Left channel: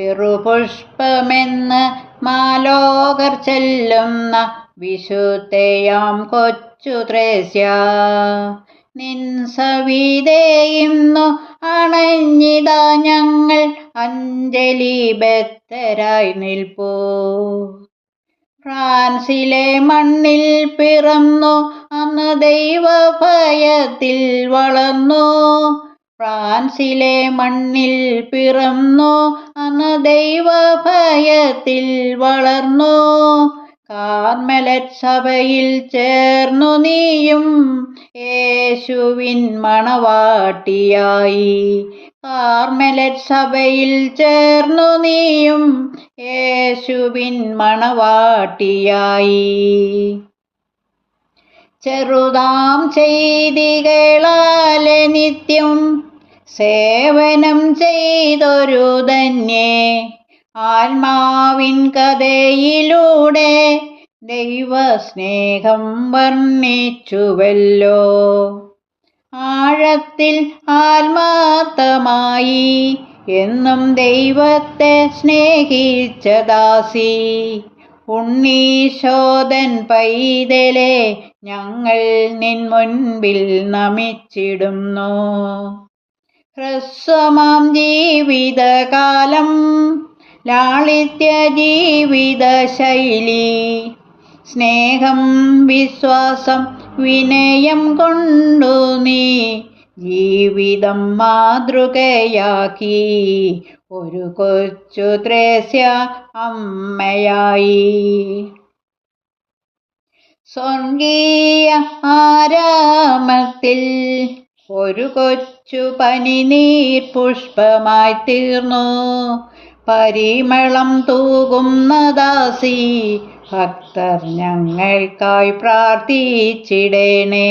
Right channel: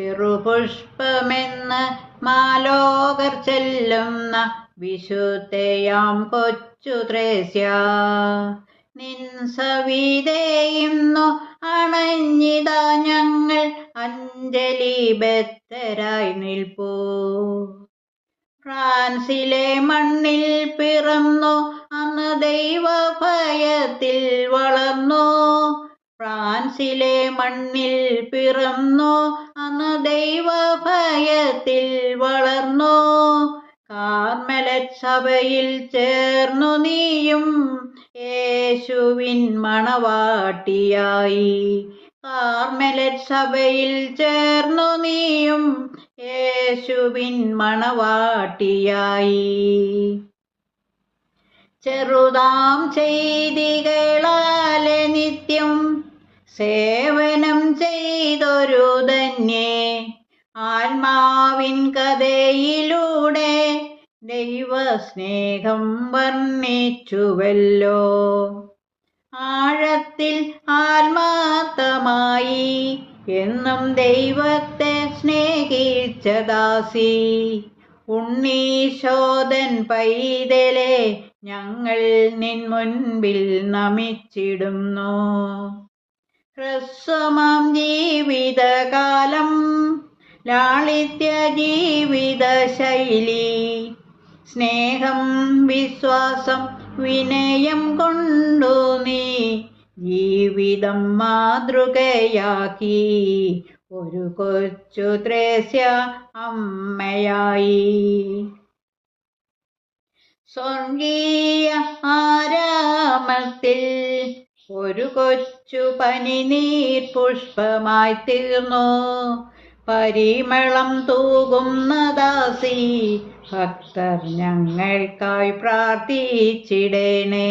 ചെറുപുഷ്പമെന്ന് മാലോകർ ചെല്ലുന്ന വിശുദ്ധയാം കൊച്ചു ത്രേസ്യ, നിൻ സവിധേയിന്നു അണഞ്ഞിതാ ഞങ്ങൾ അഞ്ജലിബദ്ധരായി നിൽപ്പൂ. ഫ്രാൻസിലെ മണ്ണിൽ പിറന്നു അന്ന് ദൈവഭയത്തിൽ വളർന്നു. ഫ്രാൻസിലെ മണ്ണിൽ പിറന്നു അന്ന് ദൈവഭയത്തിൽ വളർന്നു. കാർമലറ്റ് സഭയിൽ ചേർന്നു നീയും യേശുവിൻ മണവാട്ടിയായി. കാർമലറ്റ് സഭയിൽ ചേർന്നു നീയും യേശുവിൻ മണവാട്ടിയായി. ചെറുതാം ചെയ്തികളാലെ നിത്യം സേവനം ചെയ്തൊരു ധന്യേ, ആത്മാവിൻ കഥയിലൂടെ ദൈവസ്നേഹം വർണ്ണിച്ചുവല്ലോ. ആഴത്തിൽ ആത്മാർത്ഥമായി എന്നും ദൈവത്തെ സ്നേഹിച്ച ദാസി, ഉണ്ണീശോദൻ പൈതലെ ഞങ്ങൾ നിൻ മുൻപിൽ നമിച്ചിടുന്നു. ഹ്രസ്വമാം ജീവിതകാലം ലാളിത്യ ജീവിത ശൈലി, സ്നേഹം വിശ്വാസം വിനയം കൊണ്ടു നീ ജീവിതം മാതൃകയാക്കി ഒരു കൊച്ചു ത്രേസ്യ അമ്മയായി. സ്വർഗീയ ആരാമത്തിൽ ഒരു കൊച്ചു പനിനീർ പുഷ്പമായി തീർന്നു. പരിമളം തൂകുന്ന ദാസി, ഭക്തർ ഞങ്ങൾക്കായി പ്രാർത്ഥിച്ചിടണേ.